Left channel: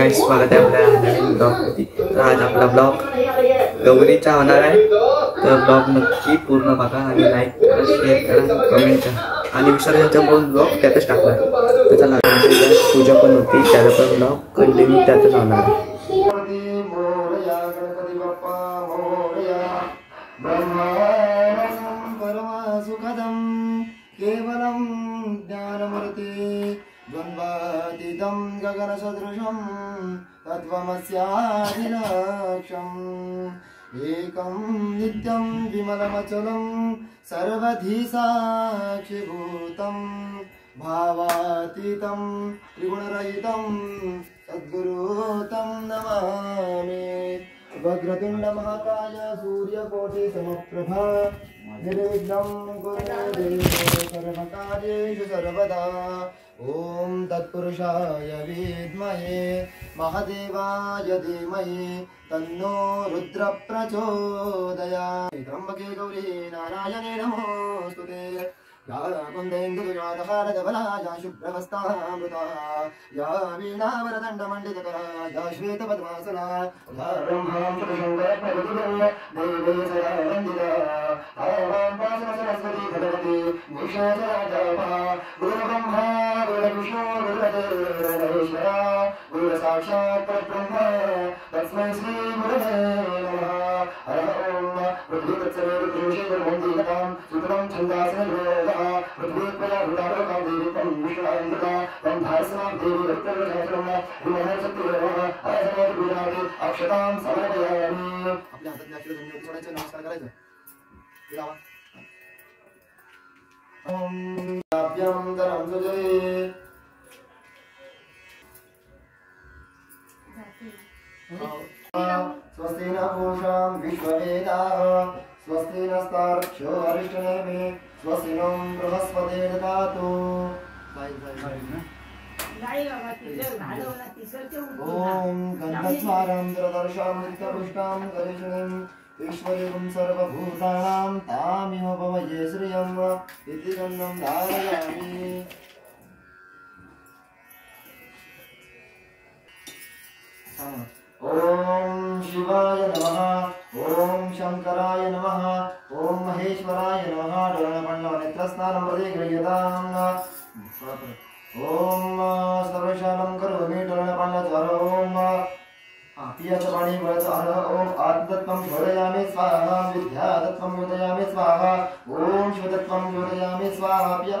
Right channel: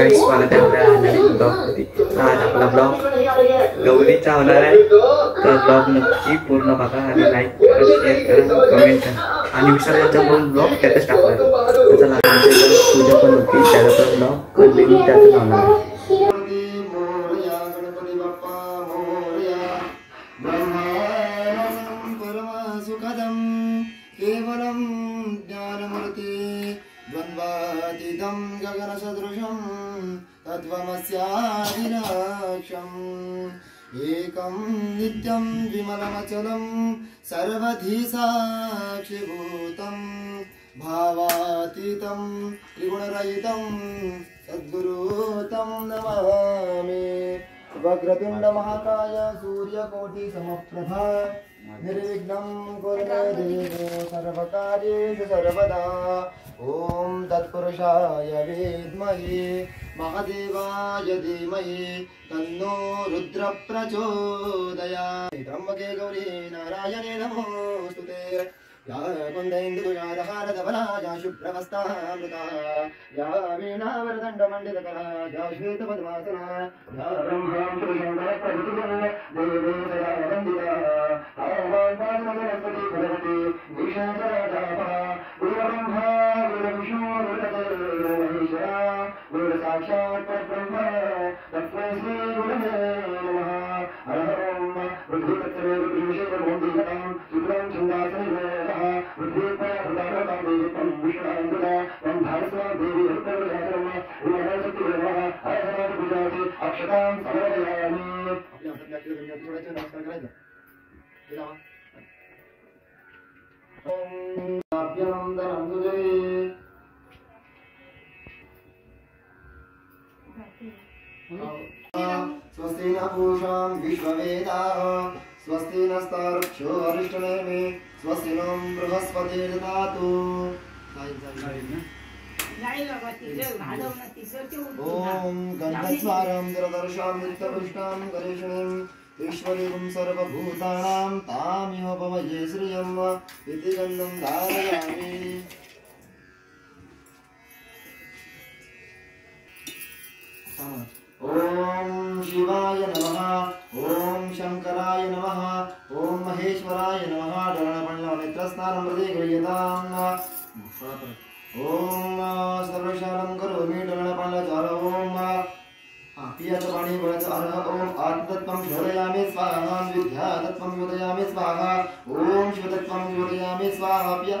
Guys स्वागत आहे आपल्या नवीन ब्लॉगमध्ये। तर आज आपला ब्लॉग गौरीचा होणार आहे। तर ब्लॉग नक्की पूर्ण बघा आणि लाईक करा, शेअर करा, कमेंट करा आणि विसर्जनचा पण ब्लॉग त्यातच टाकणार। तर चला आमच्या इथे पूजा पण होती, त्याचा पण ब्लॉग कंटिन्यू त्यातच होणार आहे। केवलं ज्ञानमूर्ति द्वन्द्वातीतं गगनसदृशं तत्त्वमस्यादिलक्ष्यम् एकं नित्यं विमलमचलं सर्वधी साक्षिभूतं भावातीतं त्रिगुणरहितं सद्गुरुं नमामि। वक्रतुण्ड महाकाय सूर्यकोटि समप्रभा निर्विघ्नं कुरु देव सर्वकार्येषु सर्वदा। ओम तत्पुरुषाय विद्महे महादेवाय धीमहि तन्नो रुद्र प्रचोदयात्। त्र्यंबके गौरी नारायणे नमोस्तुते। या कुन्देन्दुजालहारधवला या शुभ्रवस्त्रामृता या वीणावरदण्डमण्डितकरा या श्वेतपद्मासना ब्रह्मां शङ्करप्रभृतिः देवी सदा वन्दिता आवां सरस्वती भगवती विष्णुसदातपः गुरुब्रह्मा गुरुविष्णु गुरुदेवो गुरुसाक्षात् परब्रह्म तस्मै श्री गुरुवे नमः। हर ओम पृथ्वीतत्सर्वदेवतां सुतलं चन्दासनं पृथ्वीपया हृदयं देवीतं विष्णुआयुधा तं भारस्वां देवी रक्तवर्णं उन्नतशक्तिर्वः आजनात् गुजराती अक्षतां समर्पयामि। आपल्या हातातल्या अक्षर घेऊन थोड्याचे नमस्कार करायचं। ओम अभ्यं दरं सुजय स्वस्ति न पूषा विश्ववेदाः स्वस्ति नस्तार्क्ष्यो अरिष्टनेमि स्वस्ति नो बृहस्पतिर्दधातु। ओम गन्धस्वारां दरदर्शां नित्यपुष्टां करेषणीं ईश्वरीं सर्वभूतानां तामिह पवये श्रियम् इति गन्धं धारयामि। ओम शिवाय नमः ओम शंकराय नमः ओम महेश्वराय नमः। डोळ्यापणला नेत्रस्नानं प्रति गृह्यताम्। ओम सर्वशालं करोमि डोळ्यापणला ज्वर ओम पियाचं पाणी बळाचं अर्ह ओम आत्मतत्त्वं शोधयामि स्वाहा विद्यातत्त्वं शोधयामि स्वाहा ओम शिवतत्त्वं शोधयामि स्वाहा पिया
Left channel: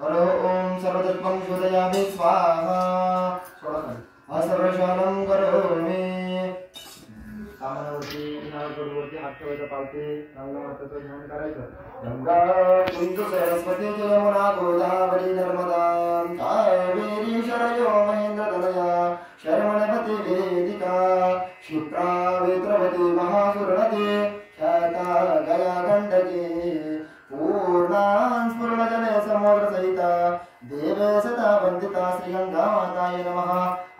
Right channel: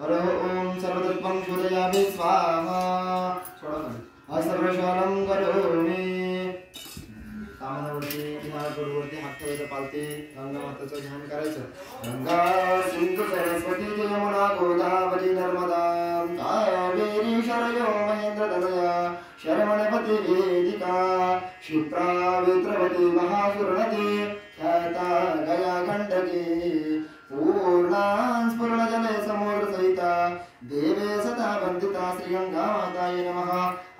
अर्ह ओम सर्वतत्त्वं शोधयामि स्वाहा। सर्वशालं करोमि। कामनावरती किनारवरती हात ठेवायचा पालते गंगामाताचं ध्यान करायचं। गंगा सिंधू सरस्वती यमुना गोदावरी नर्मदा कावेरी शरयो महेंद्रतनया शरवणपति वेदिका क्षिप्रा वेत्रवती महासुरनदी ख्याता गया गंडकी पूर्णां स्फुरणजले समुद्र सहिता देवे सदा वंदिता श्री गंगा माताय नमः।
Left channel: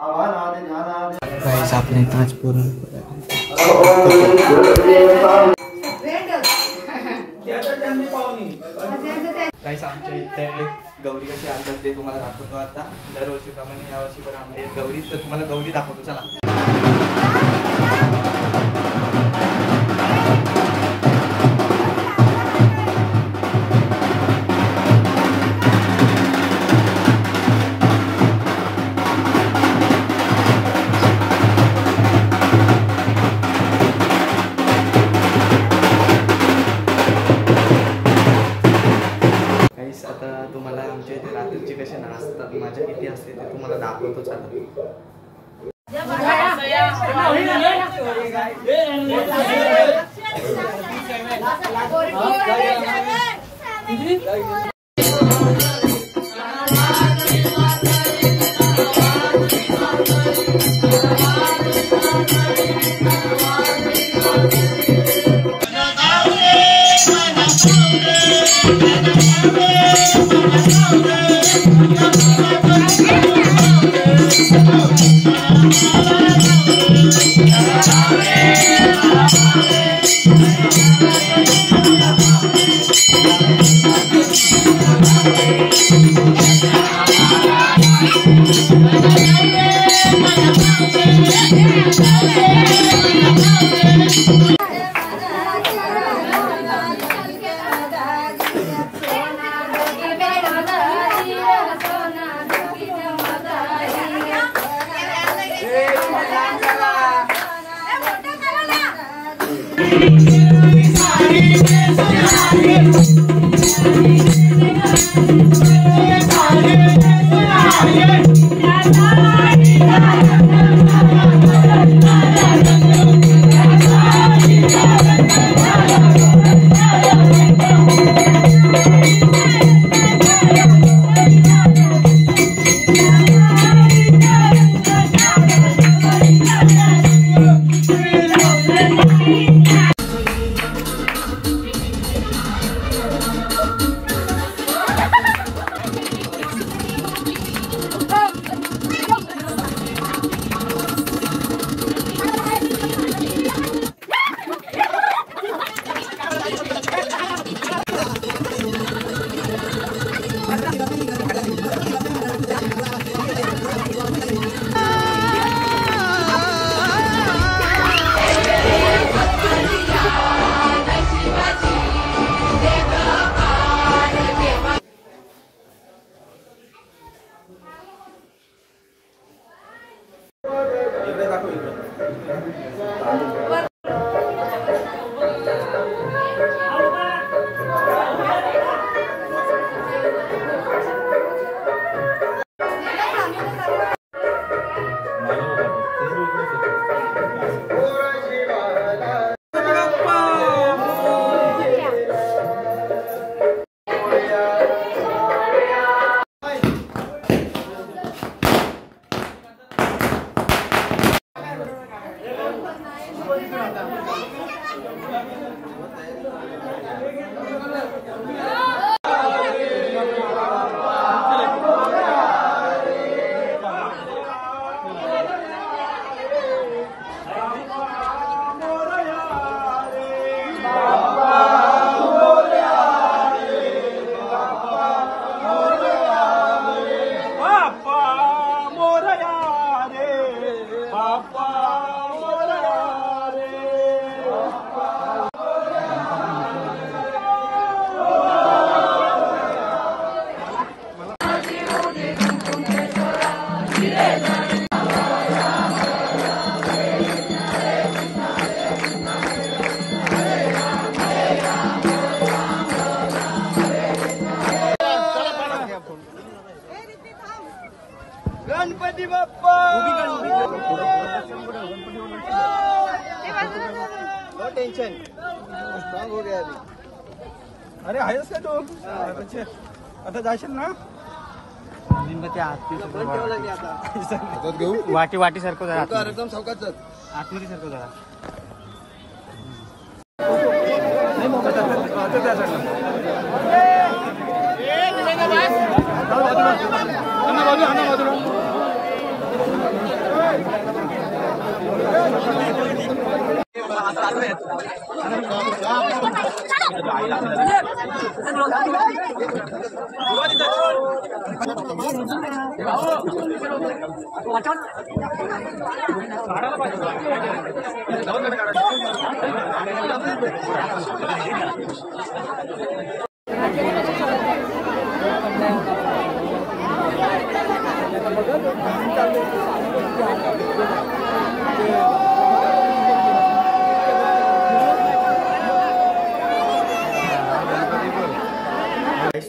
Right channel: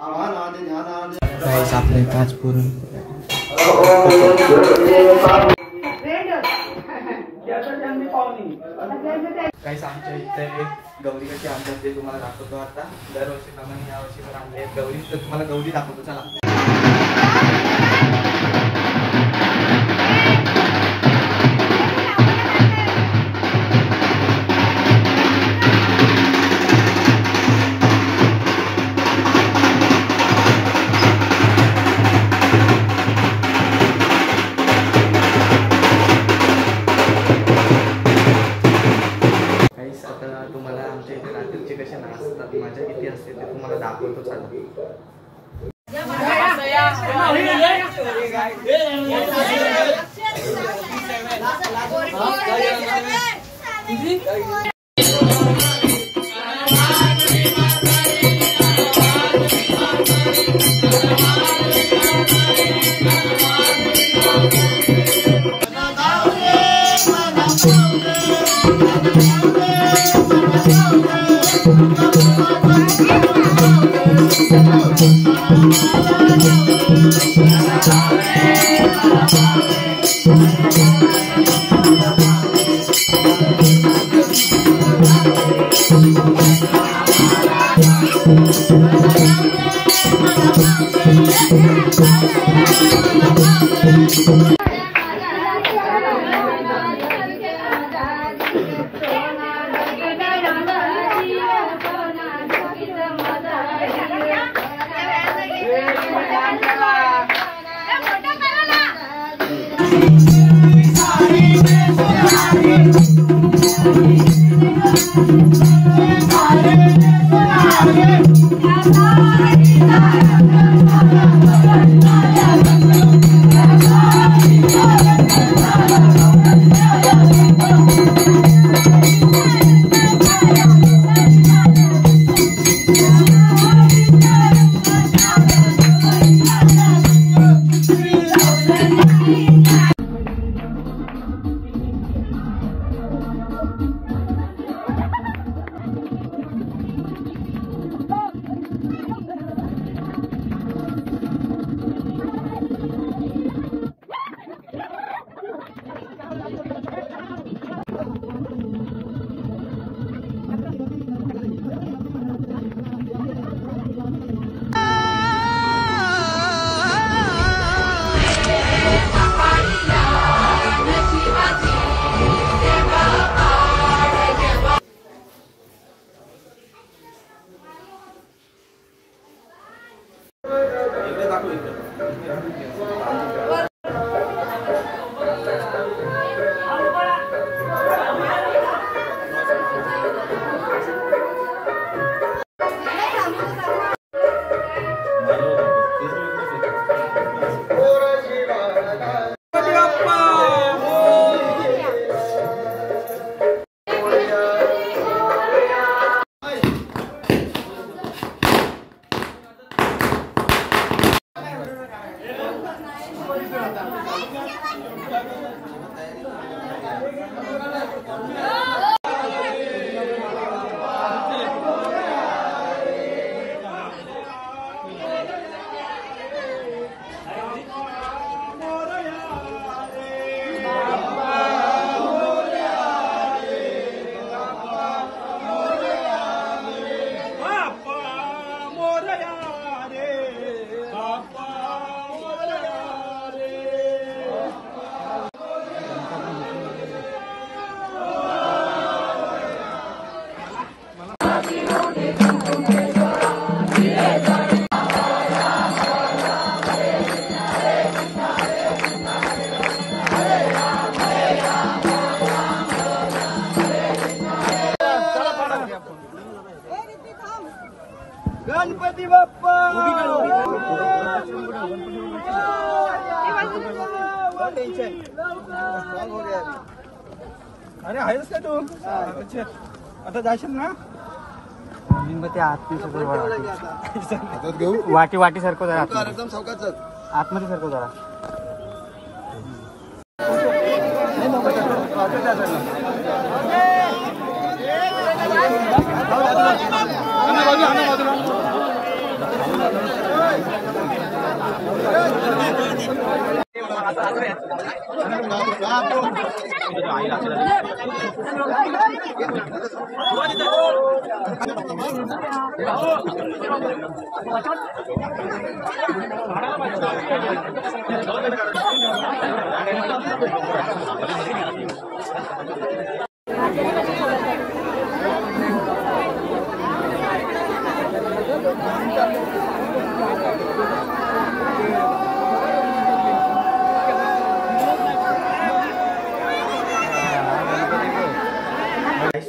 आवानादि ध्यानादि गाइस आपने आज पूर्ण गाइस आमच्या इथे एक गौरी कशी आणतात ते तुम्हाला दाखवतो आता। दरवर्षीप्रमाणे यावर्षी पण आणले गौरी, तर तुम्हाला गौरी दाखवतो चला। तुम्हाला आमच्या इथे रात्रीचे कसे नाचतात मजा किती असते ते तुम्हाला दाखवतो चला। गणपती बाप्पा टेंशन हो गया अभी. अरे आहेस का तू आता जाशील ना वाटी वाटी सारखं जरा एकदम सावकाश आतमध्ये सारखं जरा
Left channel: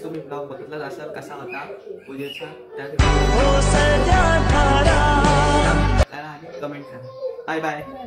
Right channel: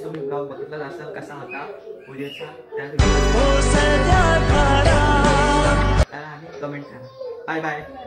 तुम्ही ब्लॉग बघितला असाल कसा होता पूजेचा कमेंट करा. Bye bye.